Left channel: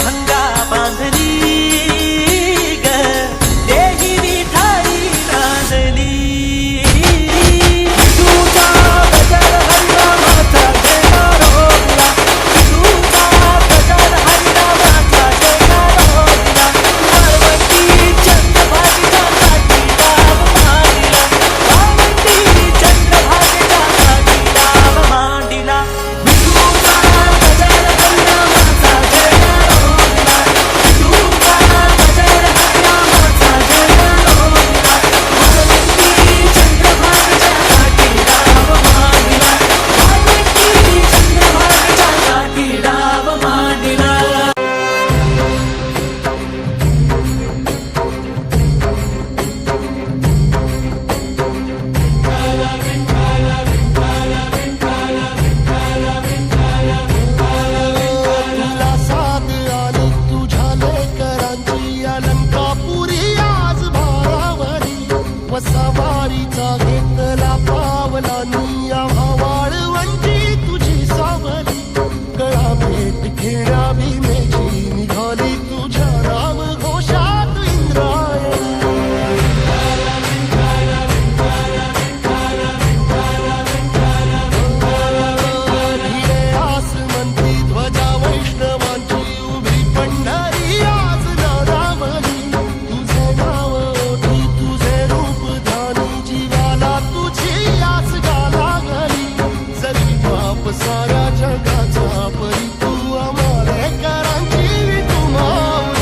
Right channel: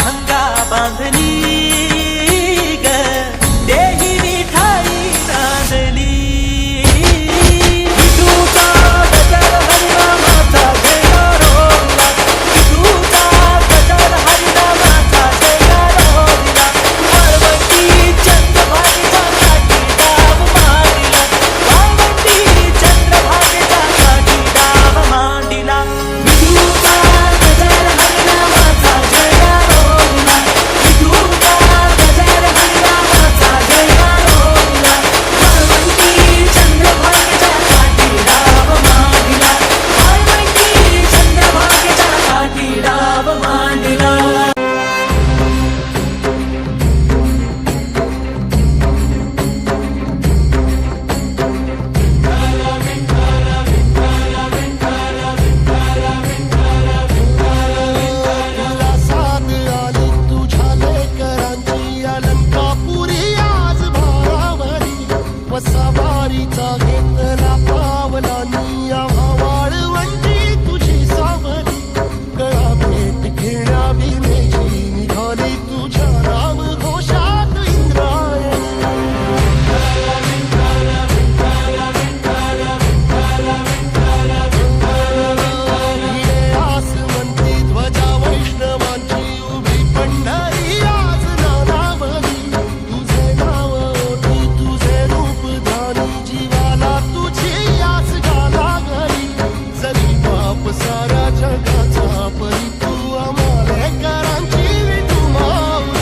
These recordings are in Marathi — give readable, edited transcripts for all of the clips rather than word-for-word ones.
भंगा बांधली ग देही विठाई नांदली विठूचा गजर हरिनामाचा झेंडा रोविला विठूचा गजर हरिनामाचा झेंडा रोविला वाळवंटी चंद्रभागेच्या काठी डाव मांडिला वाळवंटी चंद्रभागेच्या काठी डाव मांडिला विठूचा गजर हरिनामाचा झेंडा रोविला विठूचा गजर हरिनामाचा झेंडा रोविला वाळवंटी चंद्रभागेच्या काठी डाव मांडिला वाळवंटी चंद्रभागेच्या काठी डाव मांडिला तुला साथ आली तुझ्या लेकरांची अलंकापुरी आज भारावली वसावारीचा घेतला पावला निया वाळवंटी तुझी सावली गळा भेट घेण्या भीमेची निघाली तुझ्या राम घोषात इंद्रायणी भिडे आसमंती ध्वजा वैष्णवांची उभी पंढरी आज नादावली तुझे नाव ओठी तुझे रूप ध्यानी जीवाला तुझी आस गा लागली जरी बाप साऱ्या जगाचा परी तू आमालेकरांची विठू माऊली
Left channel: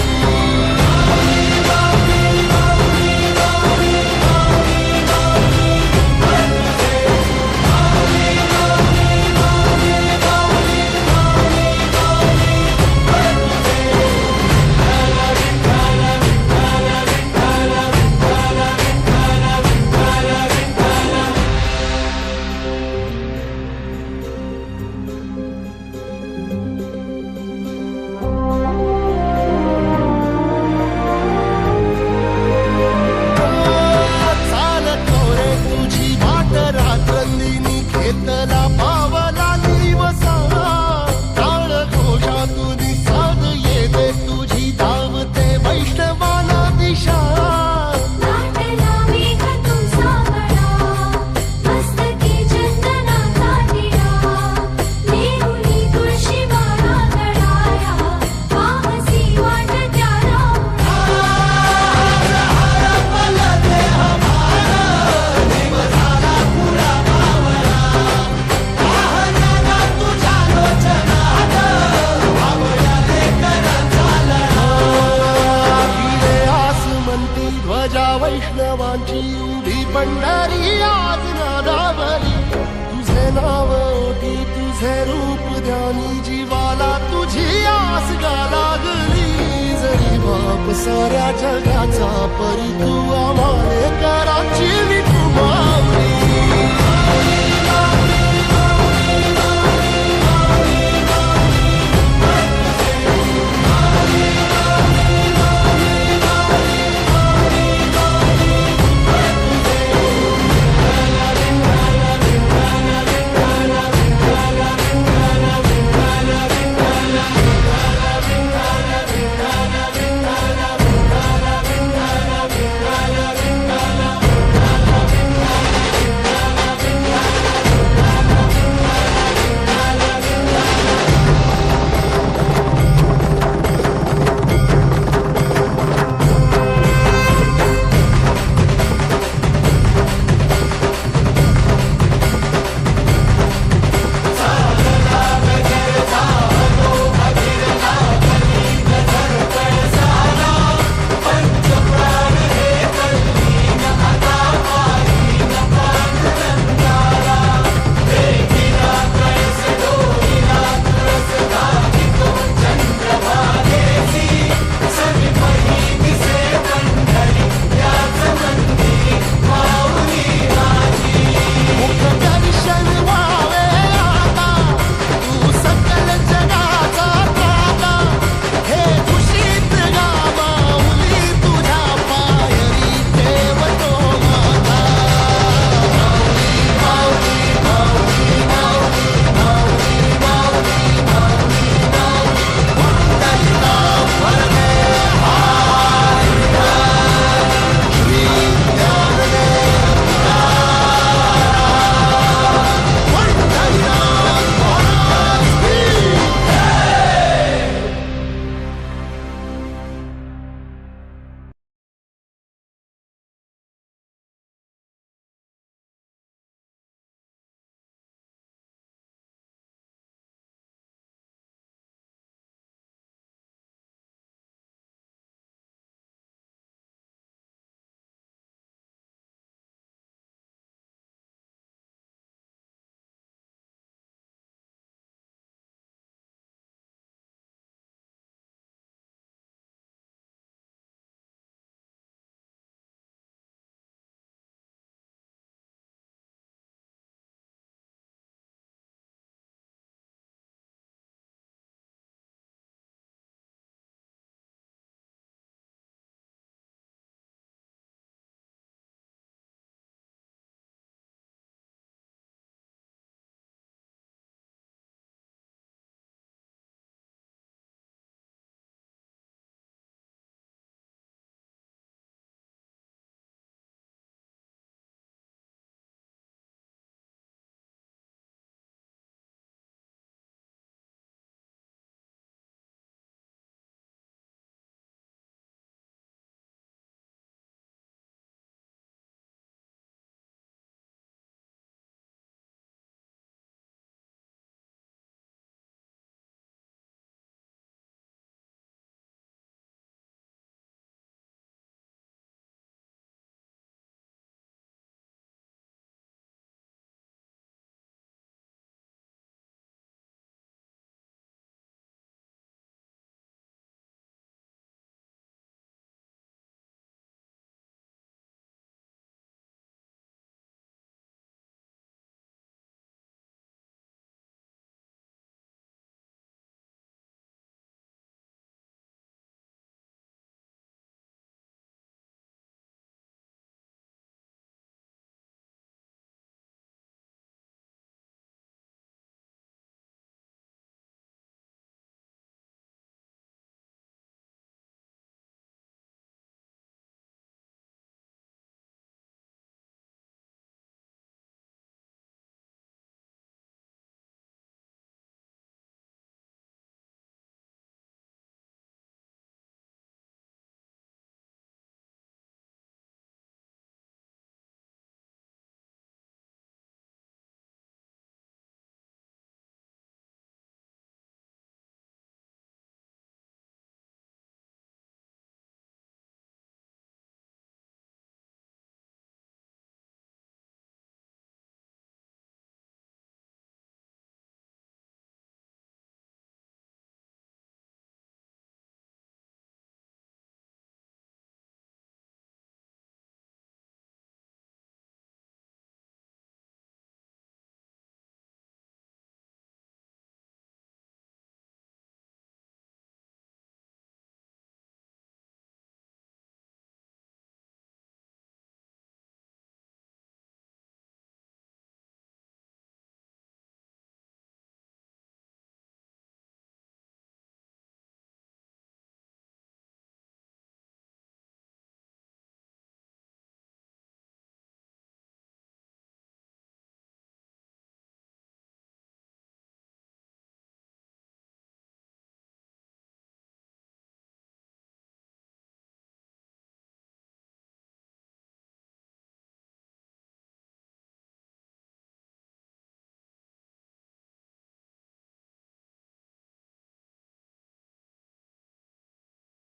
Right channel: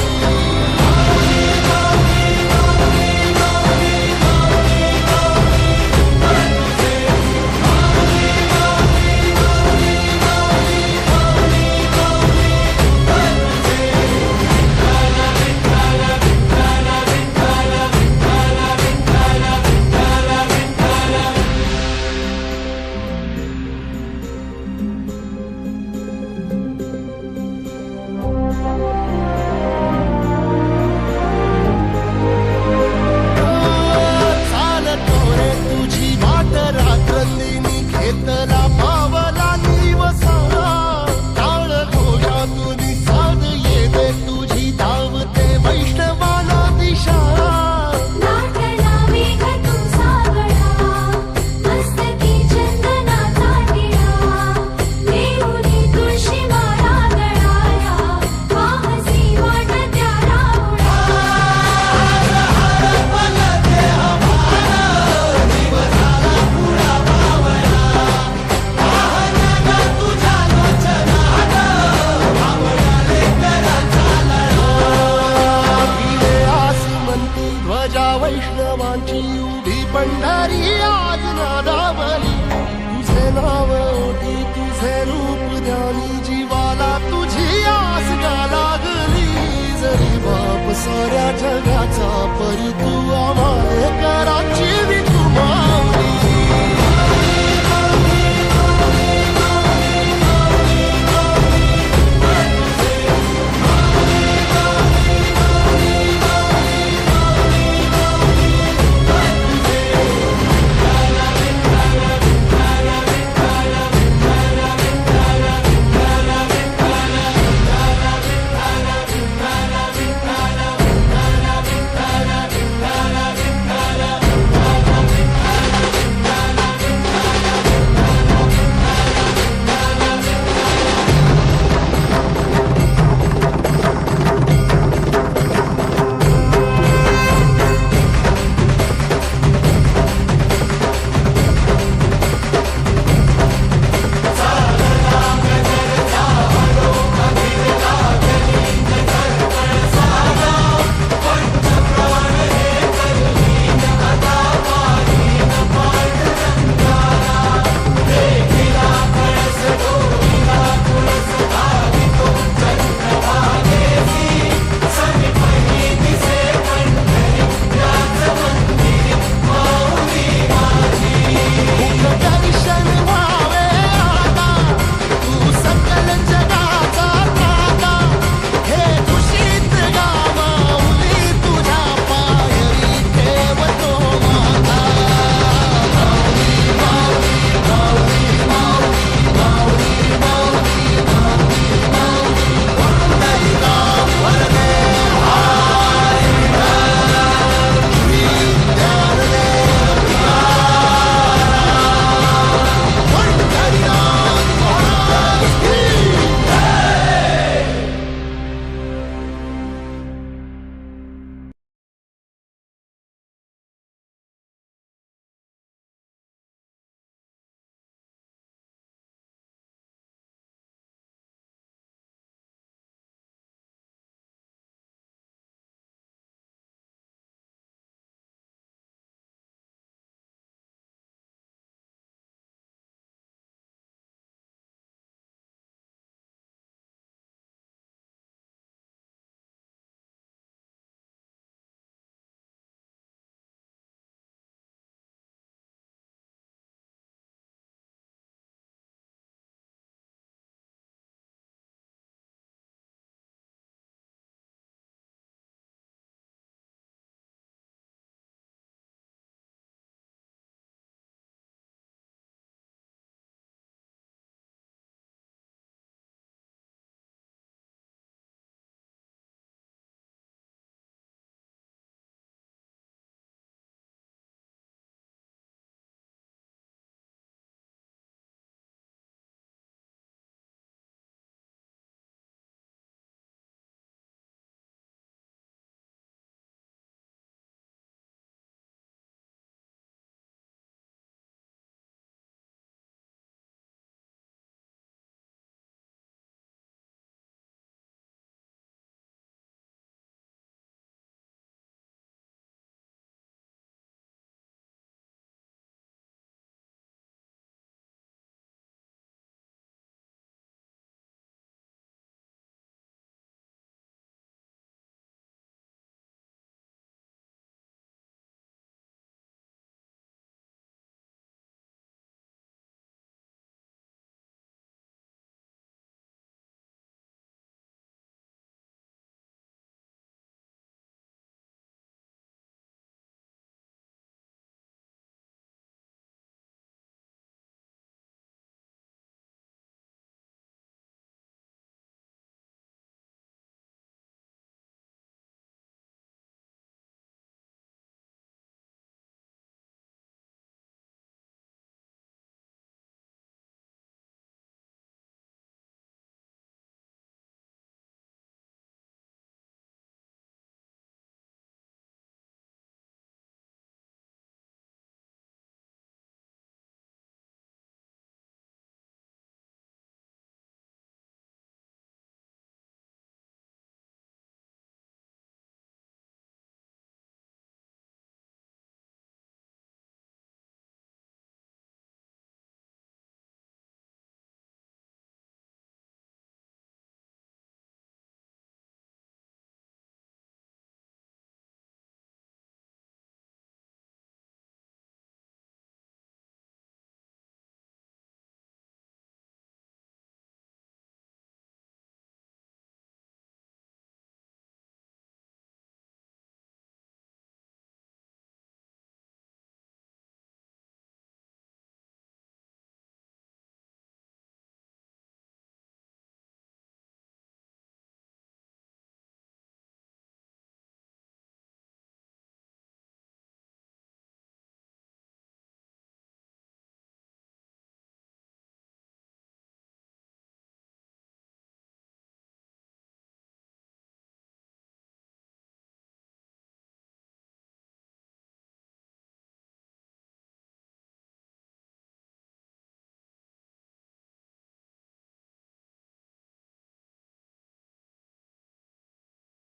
चालतो रे तुझी वाट रात्रंदिनी घेतला पावला निवसा टाळ घोषातून साध येते तुझी धावते वैष्णवाला दिशा भिडे आसमंती ध्वजा वैष्णवांची उभी पंढरी आज नादावली तुझे नाव ओठी तुझे रूप ध्यानी जीवाला तुझी आस गा लागली जरी बाप साऱ्या जगाचा परी तू आमालेकरांची